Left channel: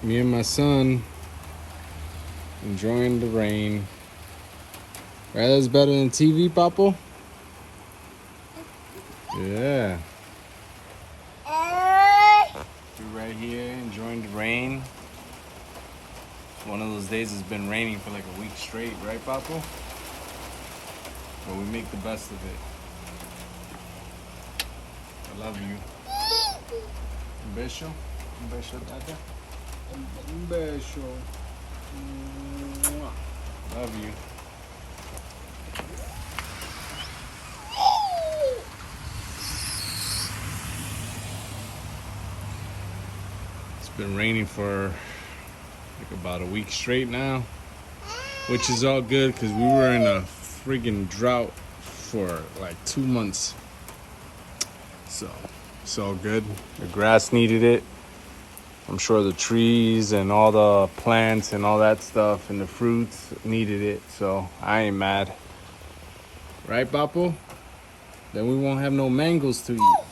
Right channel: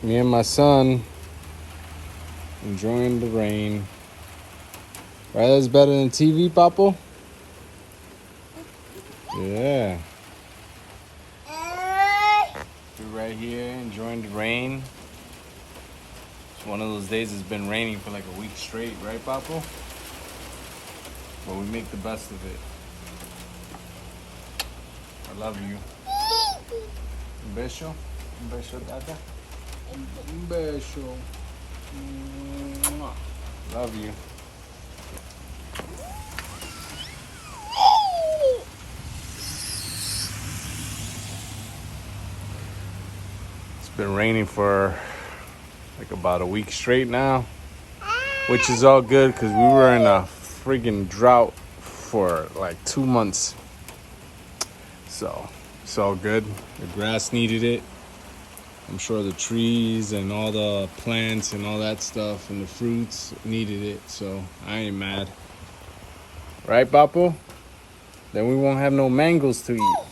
Me and my son enjoying the rain. Right, that's better than TV, Papo? Yeah. We're right here enjoying the rain. It's one of those days it's been raining for like a week straight, right, Papo? But we make the best of it. I love you. Un beso. Un beso, Tata. Un beso. Love you. It's been raining for like about a week straight now, which is all good because we were in a friggin' drought for like 2 months. So it's all good. The grass needed it. I'm sure the trees and all the plants and all that stuff and the fruits needed it. So I ain't mad. Right, Papo? Then we won't have no mangoes to eat.